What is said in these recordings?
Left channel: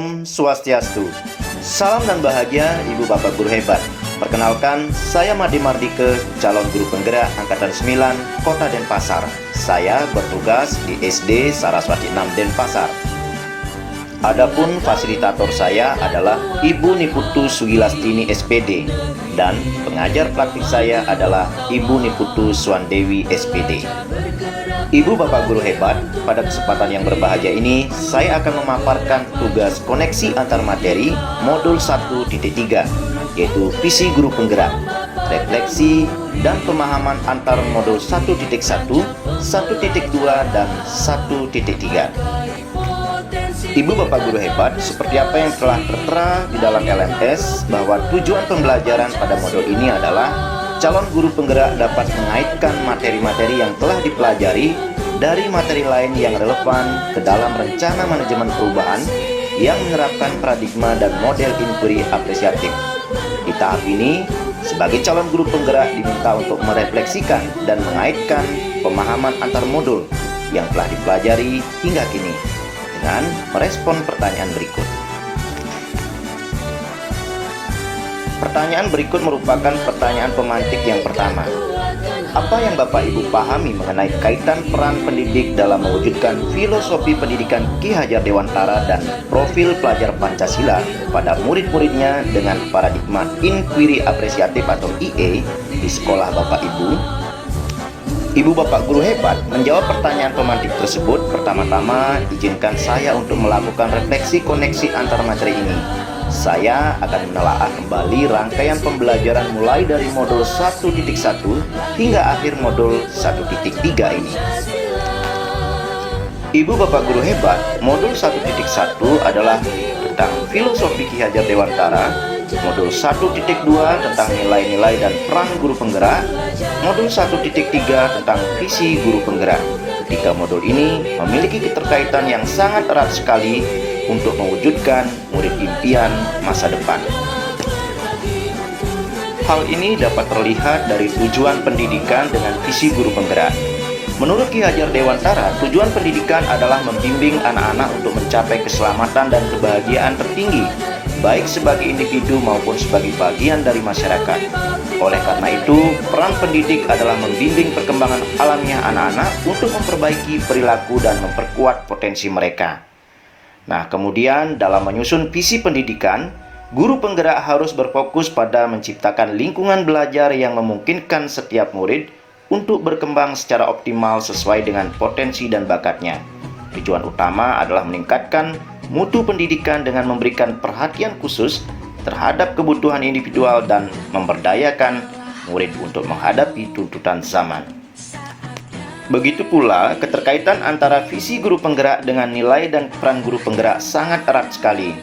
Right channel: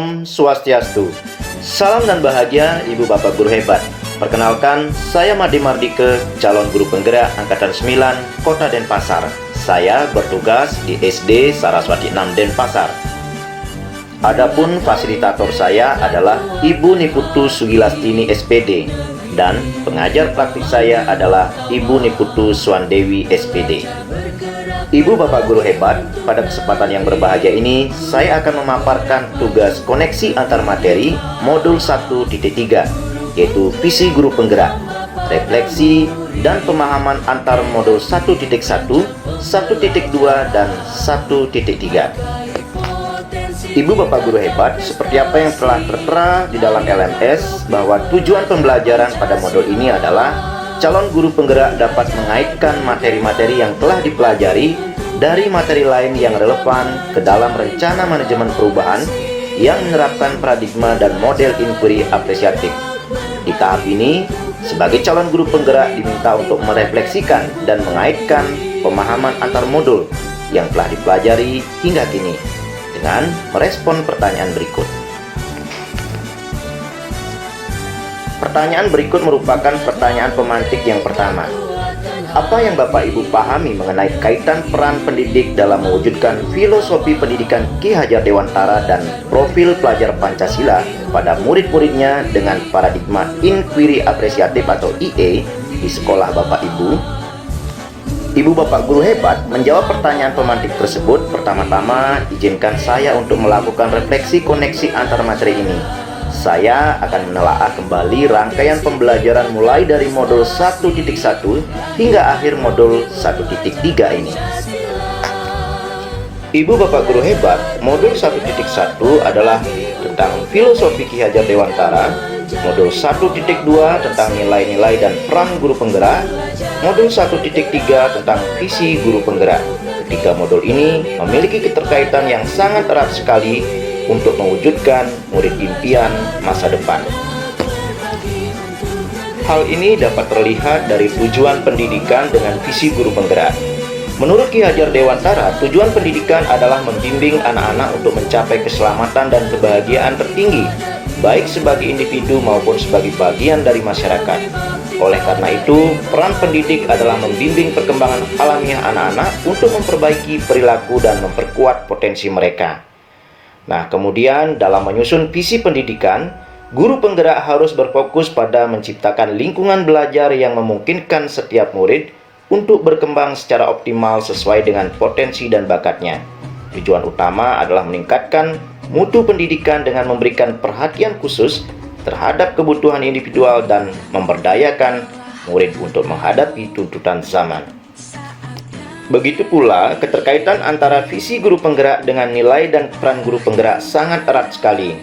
Om Swastiastu. Salam dan bahagia Ibu Bapak Guru hebat. Perkenalkan, saya Made Mardike, calon guru penggerak Angkatan 9, Kota Denpasar. Saya bertugas di SD Saraswati 6 Denpasar. Adapun fasilitator saya adalah Ibu Niputu Sugilastini SPD dan pengajar praktik saya adalah Ibu Niputu Swandewi SPD. Ibu Bapak Guru hebat, pada kesempatan yang berbahagia ini saya akan memaparkan tugas koneksi antar materi modul 1.3, yaitu visi guru penggerak, refleksi dan pemahaman antar modul 1.1, 1.2 dan 1.3. Ibu Bapak Guru hebat, seperti apa yang telah tertera di dalam LMS bahwa tujuan pembelajaran pada modul ini adalah calon guru penggerak dapat mengaitkan materi-materi yang telah dipelajari dari materi lain yang relevan ke dalam rencana manajemen perubahan yang menerapkan paradigma dan model inquiry apresiatif. Di tahap ini, sebagai calon guru penggerak diminta untuk merefleksikan dan mengaitkan pemahaman antar modul yang telah dipelajari hingga kini dengan merespon pertanyaan berikut. Pertanyaan berikut merupakan pertanyaan pemantik yang pertama. Apa yang Bapak Ibu pahami mengenai kaitan peran pendidik dalam mewujudkan filosofi pendidikan Ki Hajar Dewantara dan profil pelajar Pancasila pada murid-muridnya dengan paradigma inquiry apresiatif atau IA di sekolah Bapak Ibu? Ibu Bapak Guru hebat menjawab pertanyaan pemantik tersebut. Pertama-tama izinkan saya untuk melakukan refleksi koneksi antar materi ini. Saya akan menelaah kembali rangkaian pembelajaran mulai dari modul 1.1 hingga akhir modul 1.3 ini. Ibu Bapak Guru hebat, modul 1.1 adalah tentang filosofi Ki Hajar Dewantara, modul 1.2 tentang nilai-nilai dan peran guru penggerak, modul 1.3 tentang visi guru penggerak. Ketiga modul ini memiliki keterkaitan yang sangat erat sekali untuk mewujudkan murid impian masa depan. Hal ini dapat terlihat dari tujuan pendidikan dengan visi guru penggerak. Menurut Ki Hajar Dewantara, tujuan pendidikan adalah membimbing anak-anak untuk mencapai keselamatan dan kebahagiaan tertinggi, baik sebagai individu maupun sebagai bagian dari masyarakat. Oleh karena itu, peran pendidik adalah membimbing perkembangan alamiah anak-anak untuk memperbaiki perilaku dan memperkuat potensi mereka. Nah, kemudian dalam menyusun visi pendidikan, guru penggerak harus berfokus pada menciptakan lingkungan belajar yang memungkinkan setiap murid untuk berkembang secara optimal sesuai dengan potensi dan bakatnya. Tujuan utama adalah meningkatkan mutu pendidikan dengan memberikan perhatian khusus terhadap kebutuhan individual dan memberdayakan murid untuk menghadapi tuntutan zaman. Begitu pula, keterkaitan antara visi guru penggerak dengan nilai dan peran guru penggerak sangat erat sekali,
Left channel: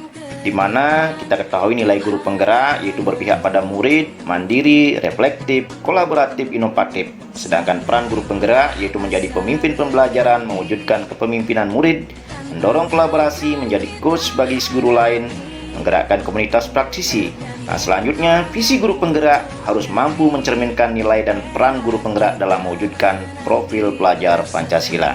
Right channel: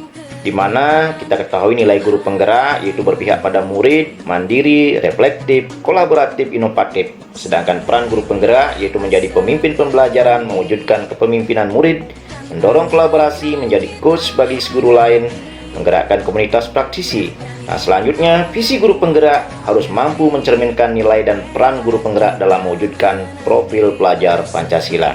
di mana kita ketahui nilai guru penggerak yaitu berpihak pada murid, mandiri, reflektif, kolaboratif, inovatif. Sedangkan peran guru penggerak yaitu menjadi pemimpin pembelajaran, mewujudkan kepemimpinan murid, mendorong kolaborasi, menjadi coach bagi guru lain, menggerakkan komunitas praktisi. Nah, selanjutnya, visi guru penggerak harus mampu mencerminkan nilai dan peran guru penggerak dalam mewujudkan profil pelajar Pancasila.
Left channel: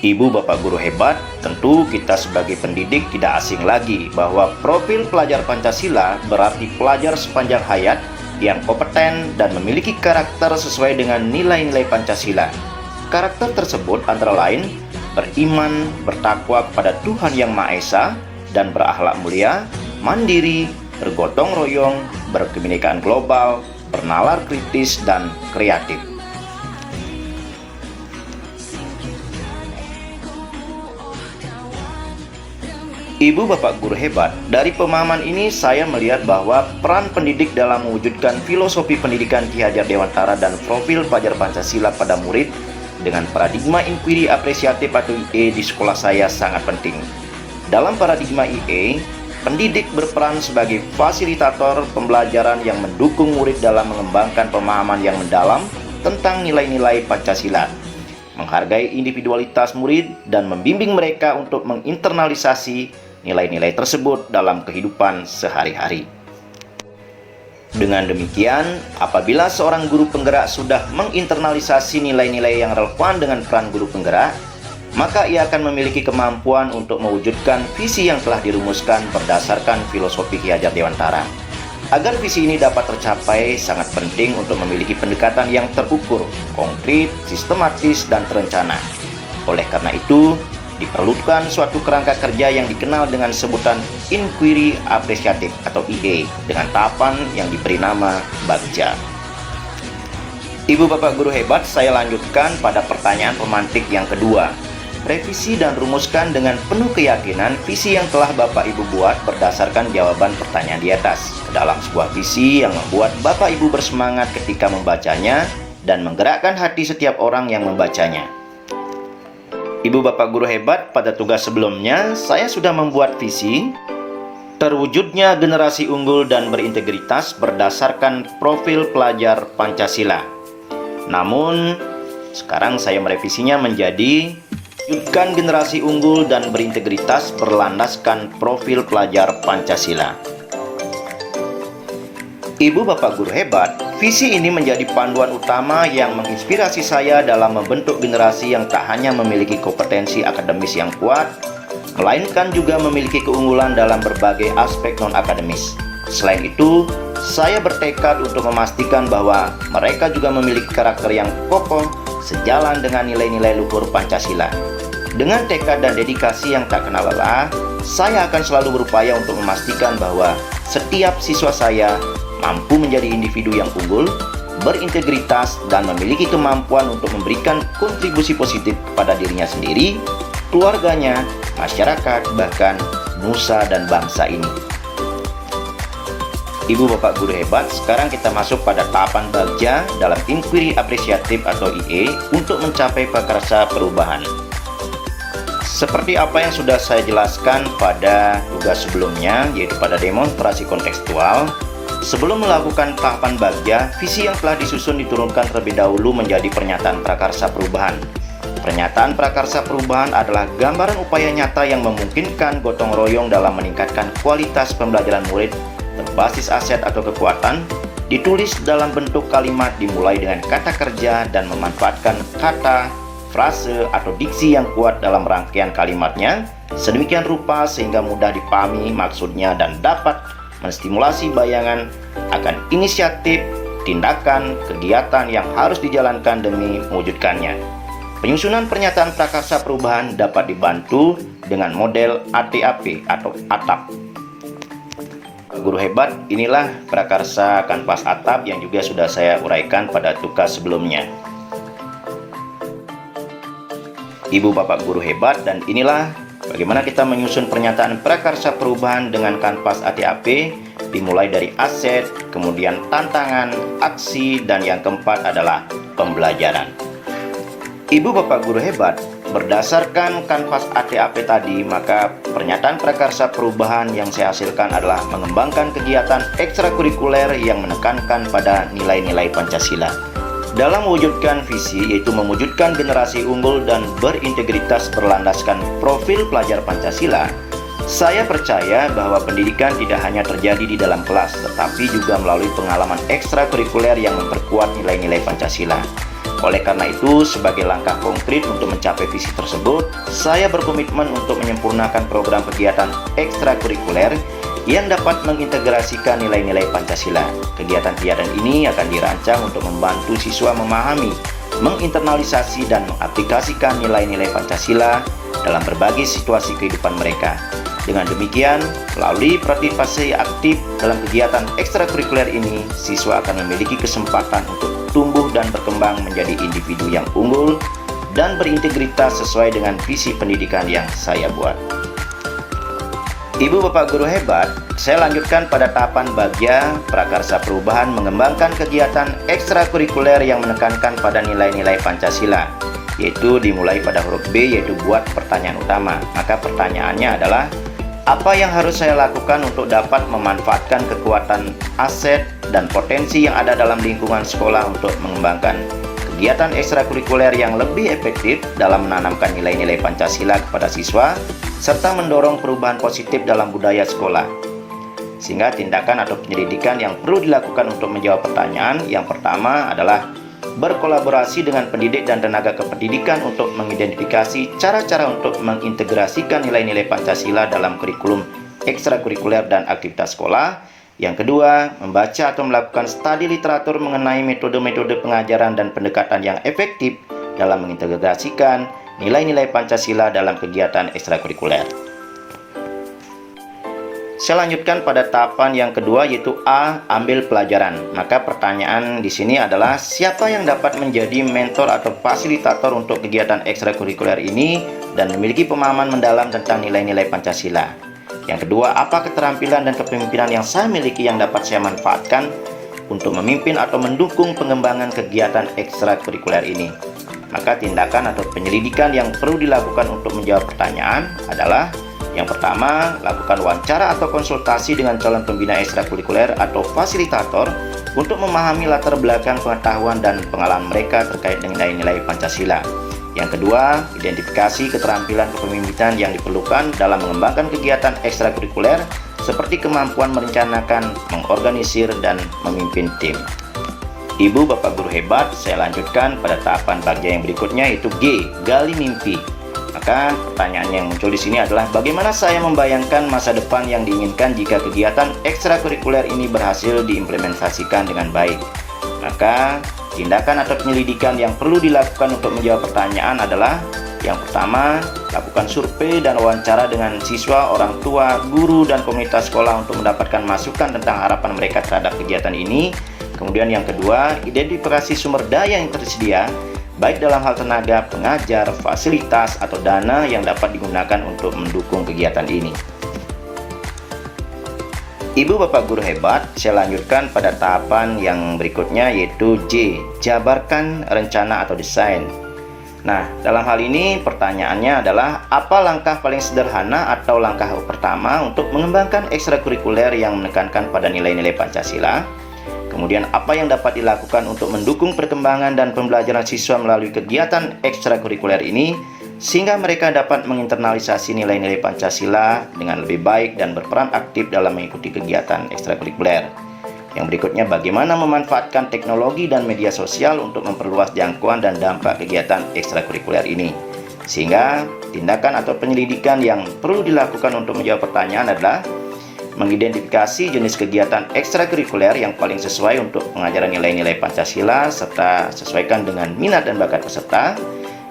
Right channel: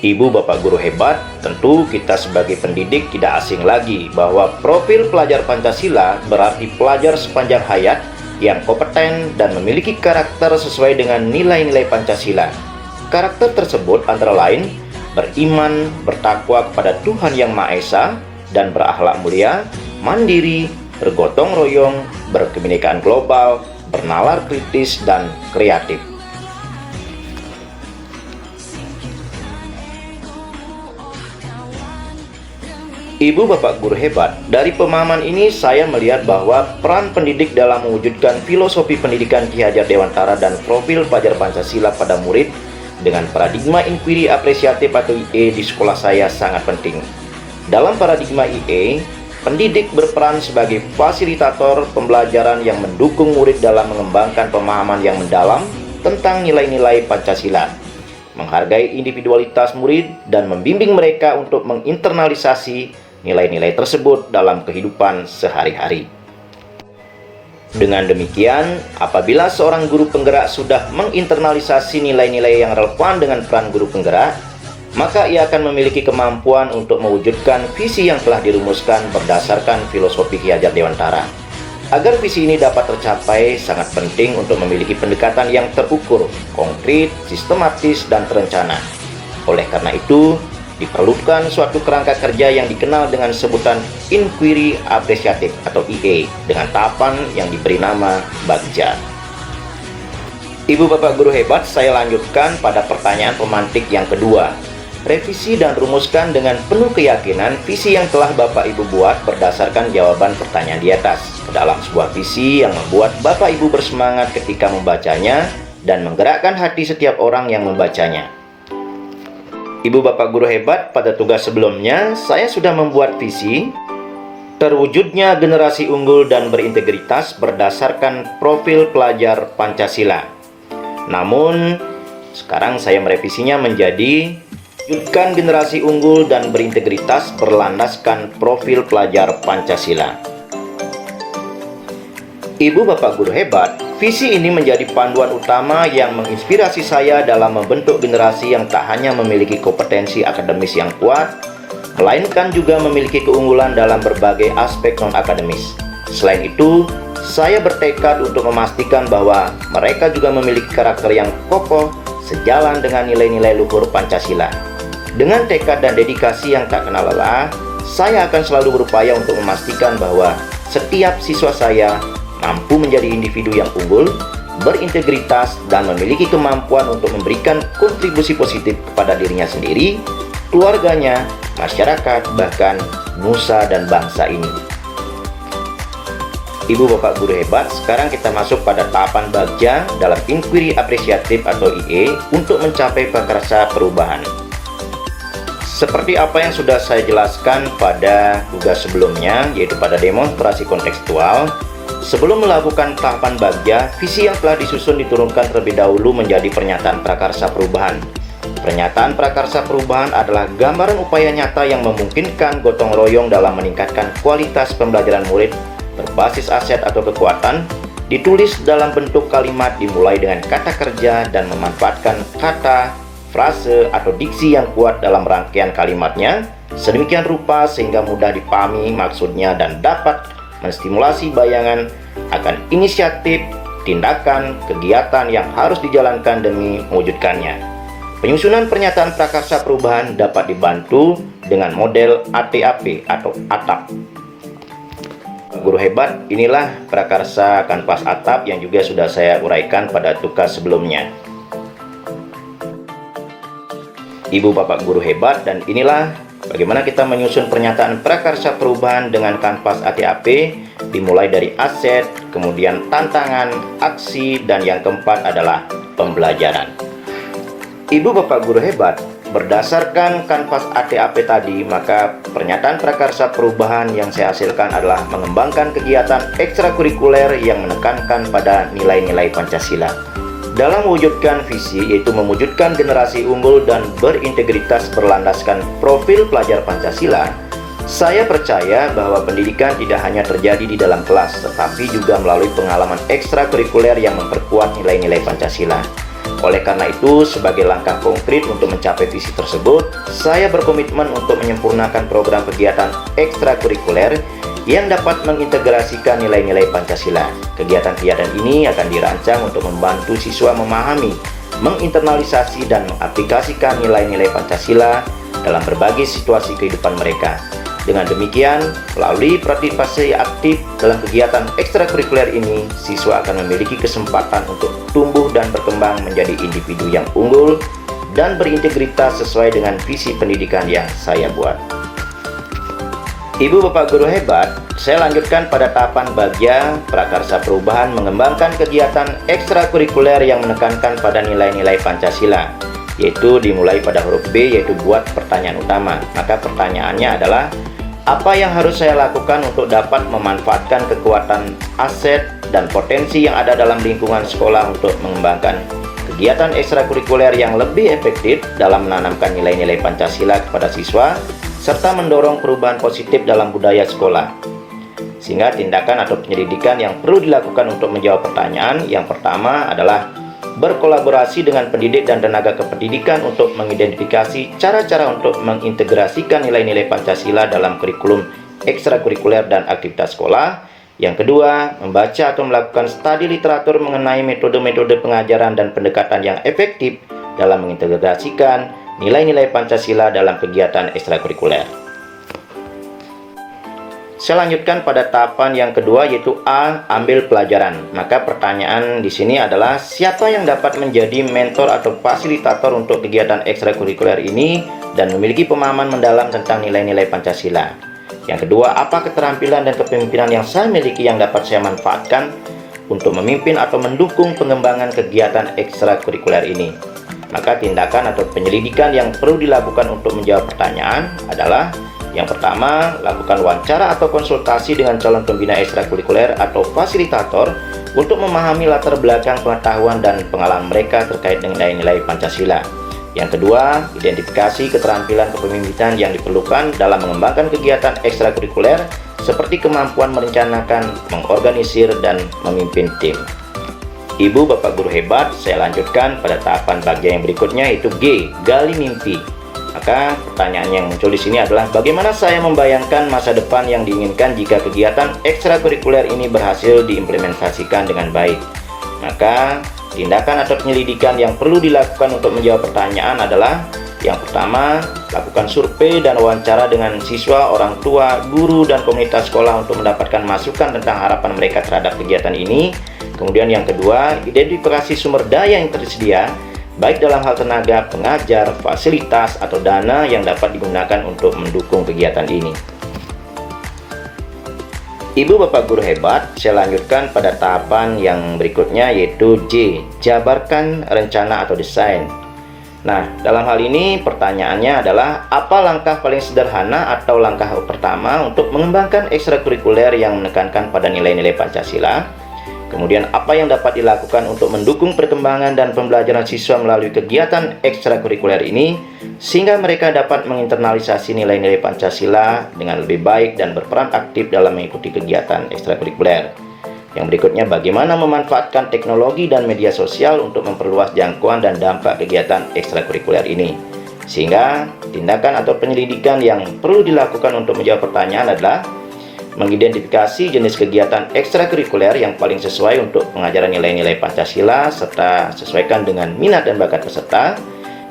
Ibu Bapak Guru hebat, tentu kita sebagai pendidik tidak asing lagi bahwa profil pelajar Pancasila berarti pelajar sepanjang hayat yang kompeten dan memiliki karakter sesuai dengan nilai-nilai Pancasila. Karakter tersebut antara lain beriman, bertakwa kepada Tuhan Yang Maha Esa, dan berakhlak mulia, mandiri, bergotong royong, berkebinekaan global, bernalar kritis, dan kreatif. Ibu Bapak Guru hebat, dari pemahaman ini saya melihat bahwa peran pendidik dalam mewujudkan filosofi pendidikan Ki Hajar Dewantara dan profil pelajar Pancasila pada murid dengan paradigma inquiry apresiatif atau IA di sekolah saya sangat penting. Dalam paradigma IA, pendidik berperan sebagai fasilitator pembelajaran yang mendukung murid dalam mengembangkan pemahaman yang mendalam tentang nilai-nilai Pancasila, menghargai individualitas murid, dan membimbing mereka untuk menginternalisasi nilai-nilai tersebut dalam kehidupan sehari-hari. Dengan demikian, apabila seorang guru penggerak sudah menginternalisasi nilai-nilai yang relevan dengan peran guru penggerak, maka ia akan memiliki kemampuan untuk mewujudkan visi yang telah dirumuskan berdasarkan filosofi Ki Hajar Dewantara. Agar visi ini dapat tercapai, sangat penting untuk memiliki pendekatan yang terukur, konkret, sistematis, dan terencana. Oleh karena itu, diperlukan suatu kerangka kerja yang dikenal dengan sebutan Inquiry Apresiatif atau IA dengan tahapan yang diberi nama Bagja. Ibu Bapak Guru hebat, saya lanjutkan pada pertanyaan pemantik yang kedua. Revisi dan rumuskan dengan penuh keyakinan visi yang telah Bapak Ibu buat berdasarkan jawaban pertanyaan di atas dalam sebuah visi yang membuat Bapak Ibu bersemangat ketika membacanya dan menggerakkan hati setiap orang yang membacanya. Ibu Bapak Guru hebat, pada tugas sebelumnya saya sudah membuat visi terwujudnya generasi unggul dan berintegritas berdasarkan profil pelajar Pancasila. Namun sekarang saya merevisinya menjadi wujudkan generasi unggul dan berintegritas berlandaskan profil pelajar Pancasila. Ibu Bapak Guru hebat, visi ini menjadi panduan utama yang menginspirasi saya dalam membentuk generasi yang tak hanya memiliki kompetensi akademis yang kuat, melainkan juga memiliki keunggulan dalam berbagai aspek non-akademis. Selain itu, saya bertekad untuk memastikan bahwa mereka juga memiliki karakter yang kokoh sejalan dengan nilai-nilai luhur Pancasila. Dengan tekad dan dedikasi yang tak kenal lelah, saya akan selalu berupaya untuk memastikan bahwa setiap siswa saya mampu menjadi individu yang unggul, berintegritas, dan memiliki kemampuan untuk memberikan kontribusi positif kepada dirinya sendiri, keluarganya, masyarakat, bahkan nusa dan bangsa ini. Ibu Bapak Guru hebat, sekarang kita masuk pada tahapan Bagja dalam Inquiry Apresiatif atau IA untuk mencapai prakarsa perubahan. Seperti apa yang sudah saya jelaskan pada tugas sebelumnya, yaitu pada demonstrasi kontekstual, sebelum melakukan tahapan Bagja, visi yang telah disusun diturunkan terlebih dahulu menjadi pernyataan prakarsa perubahan. Pernyataan prakarsa perubahan adalah gambaran upaya nyata yang memungkinkan gotong royong dalam meningkatkan kualitas pembelajaran murid berbasis aset atau kekuatan, ditulis dalam bentuk kalimat dimulai dengan kata kerja dan memanfaatkan kata, frase, atau diksi yang kuat dalam rangkaian kalimatnya sedemikian rupa sehingga mudah dipahami maksudnya dan dapat menstimulasi bayangan akan inisiatif, tindakan, kegiatan yang harus dijalankan demi mewujudkannya. Penyusunan pernyataan prakarsa perubahan dapat dibantu dengan model ATAP atau ATAP. Guru hebat, inilah prakarsa kanvas atap yang juga sudah saya uraikan pada tugas sebelumnya. Ibu Bapak Guru hebat, dan inilah bagaimana kita menyusun pernyataan prakarsa perubahan dengan kanvas ATAP, dimulai dari aset, kemudian tantangan, aksi, dan yang keempat adalah pembelajaran. Ibu Bapak Guru hebat, berdasarkan kanvas ATAP tadi, maka pernyataan prakarsa perubahan yang saya hasilkan adalah mengembangkan kegiatan ekstrakurikuler yang menekankan pada nilai-nilai Pancasila. Dalam mewujudkan visi, yaitu mewujudkan generasi unggul dan berintegritas berlandaskan profil pelajar Pancasila, saya percaya bahwa pendidikan tidak hanya terjadi di dalam kelas, tetapi juga melalui pengalaman ekstrakurikuler yang memperkuat nilai-nilai Pancasila. Oleh karena itu, sebagai langkah konkret untuk mencapai visi tersebut, saya berkomitmen untuk menyempurnakan program kegiatan ekstrakurikuler yang dapat mengintegrasikan nilai-nilai Pancasila. Kegiatan-kegiatan ini akan dirancang untuk membantu siswa memahami, menginternalisasi, dan mengaplikasikan nilai-nilai Pancasila dalam berbagai situasi kehidupan mereka. Dengan demikian, melalui partisipasi aktif dalam kegiatan ekstrakurikuler ini, siswa akan memiliki kesempatan untuk tumbuh dan berkembang menjadi individu yang unggul dan berintegritas sesuai dengan visi pendidikan yang saya buat. Ibu Bapak Guru hebat, saya lanjutkan pada tahapan Bagja prakarsa perubahan mengembangkan kegiatan ekstrakurikuler yang menekankan pada nilai-nilai Pancasila, yaitu dimulai pada huruf B, yaitu buat pertanyaan utama. Maka pertanyaannya adalah, apa yang harus saya lakukan untuk dapat memanfaatkan kekuatan aset dan potensi yang ada dalam lingkungan sekolah untuk mengembangkan kegiatan ekstrakurikuler yang lebih efektif dalam menanamkan nilai-nilai Pancasila kepada siswa, serta mendorong perubahan positif dalam budaya sekolah. Sehingga tindakan atau penyelidikan yang perlu dilakukan untuk menjawab pertanyaan yang pertama adalah berkolaborasi dengan pendidik dan tenaga kependidikan untuk mengidentifikasi cara-cara untuk mengintegrasikan nilai-nilai Pancasila dalam kurikulum ekstrakurikuler dan aktivitas sekolah. Yang kedua, membaca atau melakukan studi literatur mengenai metode-metode pengajaran dan pendekatan yang efektif dalam mengintegrasikan nilai-nilai Pancasila dalam kegiatan ekstrakurikuler. Saya lanjutkan pada tahapan yang kedua, yaitu A. Ambil pelajaran. Maka pertanyaan di sini adalah siapa yang dapat menjadi mentor atau fasilitator untuk kegiatan ekstrakurikuler ini dan memiliki pemahaman mendalam tentang nilai-nilai Pancasila. Yang kedua, apa keterampilan dan kepemimpinan yang saya miliki yang dapat saya manfaatkan untuk memimpin atau mendukung pengembangan kegiatan ekstrakurikuler ini. Maka tindakan atau penyelidikan yang perlu dilakukan untuk menjawab pertanyaan adalah: yang pertama, lakukan wawancara atau konsultasi dengan calon pembina ekstrakurikuler atau fasilitator untuk memahami latar belakang pengetahuan dan pengalaman mereka terkait dengan nilai-nilai Pancasila. Yang kedua, identifikasi keterampilan kepemimpinan yang diperlukan dalam mengembangkan kegiatan ekstrakurikuler seperti kemampuan merencanakan, mengorganisir, dan memimpin tim. Ibu Bapak Guru hebat, saya lanjutkan pada tahapan bagian yang berikutnya, yaitu G. Gali mimpi. Maka pertanyaan yang muncul di sini adalah bagaimana saya membayangkan masa depan yang diinginkan jika kegiatan ekstrakurikuler ini berhasil diimplementasikan dengan baik. Maka tindakan atau penyelidikan yang perlu dilakukan untuk menjawab pertanyaan adalah: yang pertama, lakukan survei dan wawancara dengan siswa, orang tua, guru, dan komunitas sekolah untuk mendapatkan masukan tentang harapan mereka terhadap kegiatan ini. Kemudian yang kedua, identifikasi sumber daya yang tersedia, baik dalam hal tenaga, pengajar, fasilitas, atau dana yang dapat digunakan untuk mendukung kegiatan ini. Ibu Bapak Guru hebat, saya lanjutkan pada tahapan yang berikutnya, yaitu J. Jabarkan rencana atau desain. Nah, dalam hal ini pertanyaannya adalah apa langkah paling sederhana atau langkah pertama untuk mengembangkan ekstrakurikuler yang menekankan pada nilai-nilai Pancasila? Kemudian apa yang dapat dilakukan untuk mendukung perkembangan dan pembelajaran siswa melalui kegiatan ekstrakurikuler ini sehingga mereka dapat menginternalisasi nilai-nilai Pancasila dengan lebih baik dan berperan aktif dalam mengikuti kegiatan ekstrakurikuler. Yang berikutnya, bagaimana memanfaatkan teknologi dan media sosial untuk memperluas jangkauan dan dampak kegiatan ekstrakurikuler ini. Sehingga tindakan atau penyelidikan yang perlu dilakukan untuk menjawab pertanyaan adalah mengidentifikasi jenis kegiatan ekstrakurikuler yang paling sesuai untuk pengajaran nilai-nilai Pancasila serta sesuaikan dengan minat dan bakat peserta.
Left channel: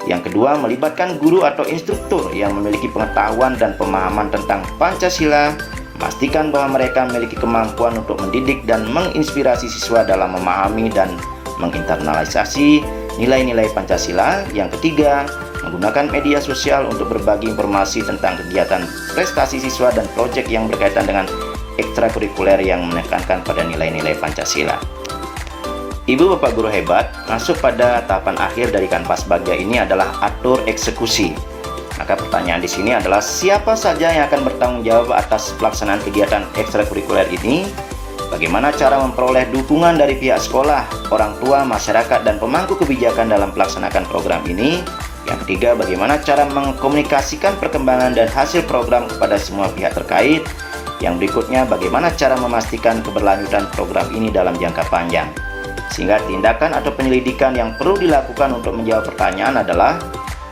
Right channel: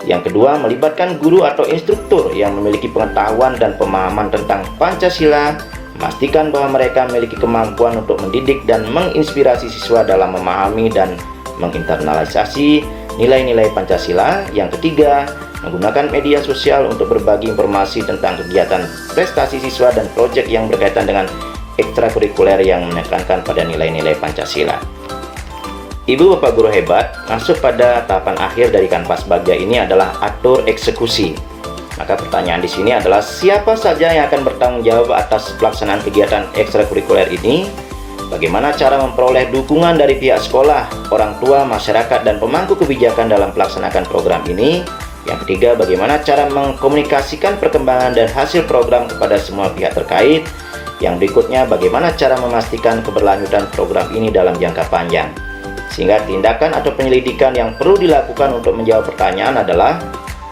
Yang kedua, melibatkan guru atau instruktur yang memiliki pengetahuan dan pemahaman tentang Pancasila, memastikan bahwa mereka memiliki kemampuan untuk mendidik dan menginspirasi siswa dalam memahami dan menginternalisasi nilai-nilai Pancasila. Yang ketiga, menggunakan media sosial untuk berbagi informasi tentang kegiatan prestasi siswa dan proyek yang berkaitan dengan ekstrakurikuler yang menekankan pada nilai-nilai Pancasila. Ibu Bapak Guru hebat, masuk pada tahapan akhir dari kanvas baja ini adalah atur eksekusi. Maka pertanyaan di sini adalah siapa saja yang akan bertanggung jawab atas pelaksanaan kegiatan ekstrakurikuler ini? Bagaimana cara memperoleh dukungan dari pihak sekolah, orang tua, masyarakat, dan pemangku kebijakan dalam melaksanakan program ini? Yang ketiga, bagaimana cara mengkomunikasikan perkembangan dan hasil program kepada semua pihak terkait? Yang berikutnya, bagaimana cara memastikan keberlanjutan program ini dalam jangka panjang? Sehingga tindakan atau penyelidikan yang perlu dilakukan untuk menjawab pertanyaan adalah:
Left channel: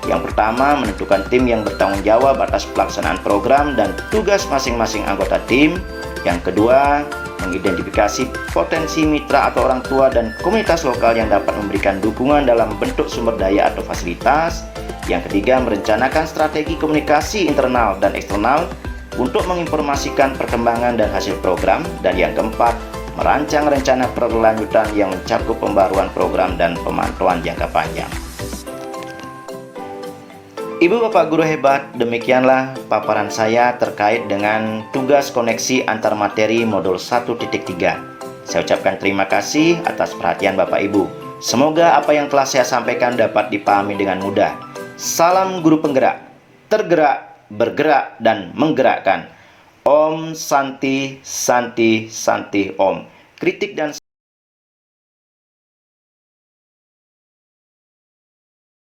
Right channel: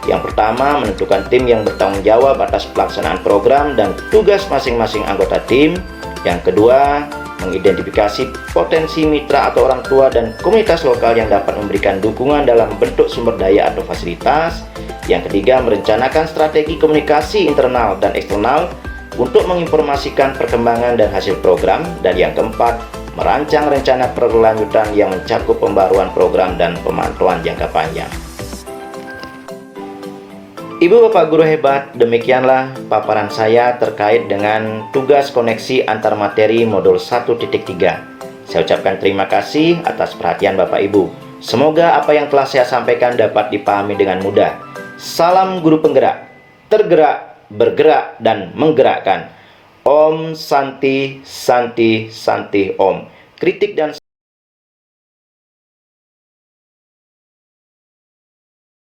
yang pertama, menentukan tim yang bertanggung jawab atas pelaksanaan program dan tugas masing-masing anggota tim. Yang kedua, mengidentifikasi potensi mitra atau orang tua dan komunitas lokal yang dapat memberikan dukungan dalam bentuk sumber daya atau fasilitas. Yang ketiga, merencanakan strategi komunikasi internal dan eksternal untuk menginformasikan perkembangan dan hasil program. Dan yang keempat, merancang rencana berkelanjutan yang mencakup pembaruan program dan pemantauan jangka panjang. Ibu Bapak Guru hebat, demikianlah paparan saya terkait dengan tugas koneksi antar materi modul 1.3. Saya ucapkan terima kasih atas perhatian Bapak Ibu. Semoga apa yang telah saya sampaikan dapat dipahami dengan mudah. Salam guru penggerak, tergerak, bergerak, dan menggerakkan. Om Santi Santi Santi Om. Kritik dan